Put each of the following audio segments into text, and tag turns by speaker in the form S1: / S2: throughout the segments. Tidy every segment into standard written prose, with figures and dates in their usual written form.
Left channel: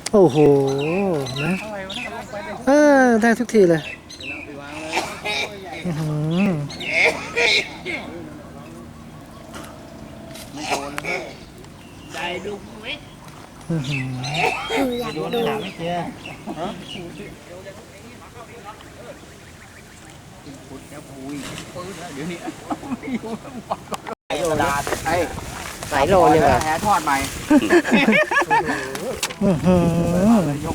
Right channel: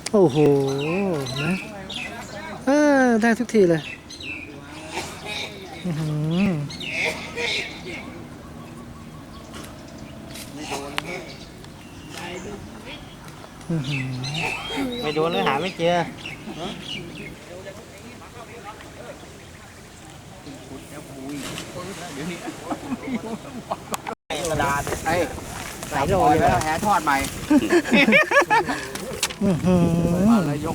S1: โอ้โหนะได้ทุกทีเลย
S2: ไม่โดนเลยหาไม่เจอกระดาษหลายโลเลยแหทอดใหม่ยก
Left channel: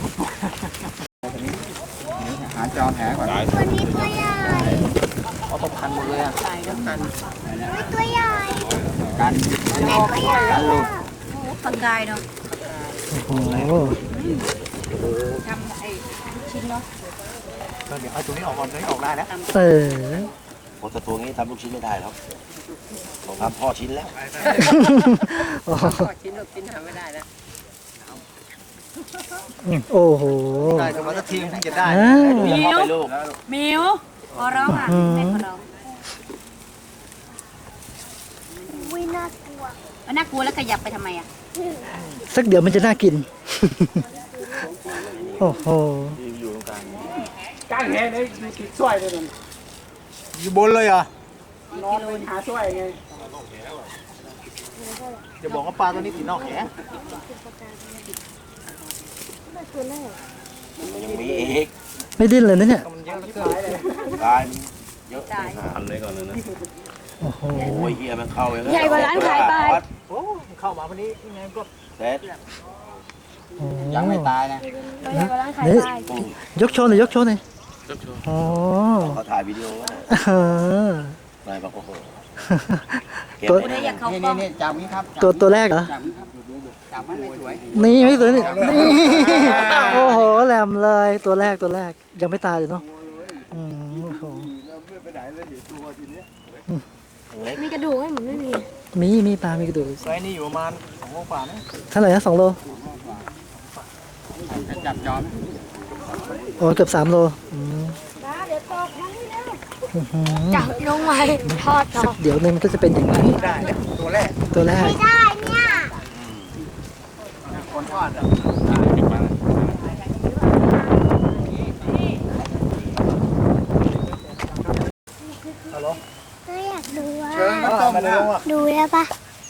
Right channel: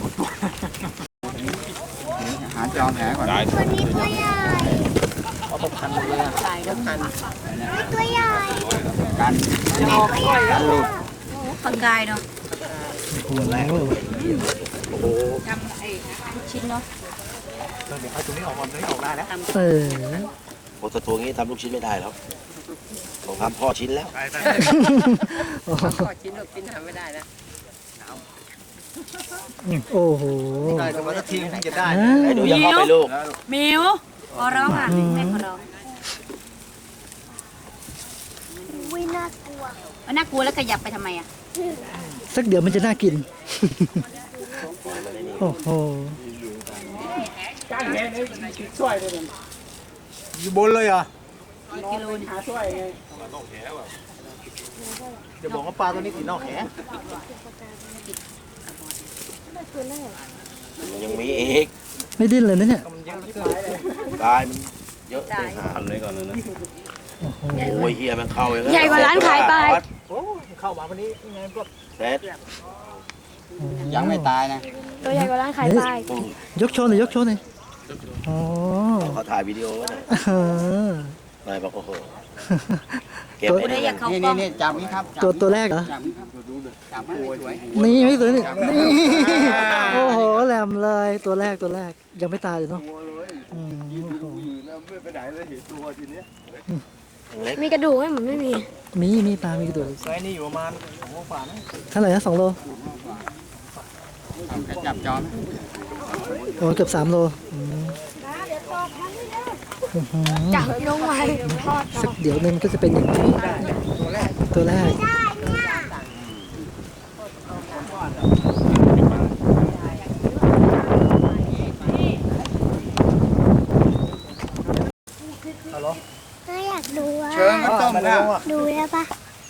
S2: หาจอมแหก่อน
S3: ตัวนี้ตัวใหญ่
S2: เอาตกพันหมดเลยอ่ะ
S3: ตัวใหญ่
S2: กันหลุด
S4: ปากกายเนาะ
S1: โอ้โห
S4: ทำไอ้ชิ้นเนาะ
S2: เดี๋ยวเอาตรงนี้ออกก่อนตรงนี้ออกได้แล้ว
S5: โอ้ตัวงี้ทำลูกชิ้นไม่ได้แล้วผมทำพ่อชิ้นแล้ว
S4: ขอชิ้นลูกชิ้นทำไม่ได้นะ
S1: โอ้โห
S2: ได้แต่ว่าถ้าทีมถึงจะได้
S5: ให้ดูยังเข้าไปลูก
S4: มิวขอร้องอ่ะแม่ขอร้อง
S3: วิ่งน่ากลัว
S4: น่ากลัวแล้วขยับไปทำไมอ่ะ
S1: สักเดี๋ยวมันจะน่ากินโอ้โห
S2: ก้างแหนี่กินช่วยเลยมันอยู่บนเลยเหรอ
S4: นอนเลย
S2: หาช่วยไงจะบอกว่าปลาตัวนี้ติดนอกแห
S5: ยังมีอีก
S1: ไม่ดิ้นเลยนะเนี่ย
S5: ตายมันเยอะไปหาเลยก่อนเลยนะโอ้ยเฮียมันเข้าอย่างนั้น
S4: ใหญ่กว่าร้านขายปลา
S2: โอ้เข้ามาวันนี้ยังไงก็
S5: เสร็จ
S2: ยังไม่ตายนะ
S3: ตัวใหญ่กว่าร้านขายปลาย
S1: กโชว์หน่อยยกโชว์หน่อยอ๋อ
S5: เขาถ่ายวิดีโอนายบอกโอ้โห
S2: นี่จับนี้ครับ
S1: ตัวแรกเหรอ
S2: จับไม่สวย
S1: นี่ไม่สวยนี่โอ้โหแหลมเลยตัวแรกยังไม่ตายเลยเนาะ
S3: มีกระดูกไหมเหมือนไม่มี
S1: มีปลามีกระดูก
S2: ไซส์นี่อยู่ประมาณ2 โลกว่านะ
S1: เท่าไหร่นะ2 โล
S2: จับจอม
S1: โอ้เกือบ3 โล
S3: จับลงไว้ทอด
S1: สักเดี๋ยวนึงก็จะเป็นอย่างนี้
S2: ตัวแรก
S3: ไม่ได้เนี่ย
S2: คนทอดฮัลโหล
S3: ก็อยากดูว่า
S2: เชิญมาต้มนะ
S3: ดูได้ปะ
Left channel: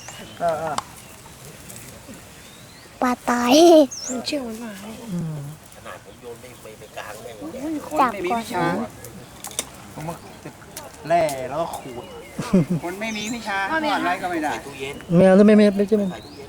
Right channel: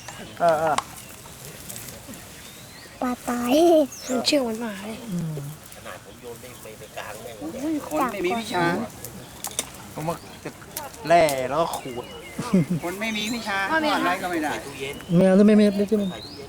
S3: ปลาตายมันเชื่องมันมาเลย
S5: ขนาดผมโยนไม่กลางแม่ง
S2: คนไม่มีวิชาผมมาแล่แล้วก็ขูดคนไม่มีวิชาทอดอะไรก็ไม่ได้
S1: แมวหรือไม่ใช่ไหม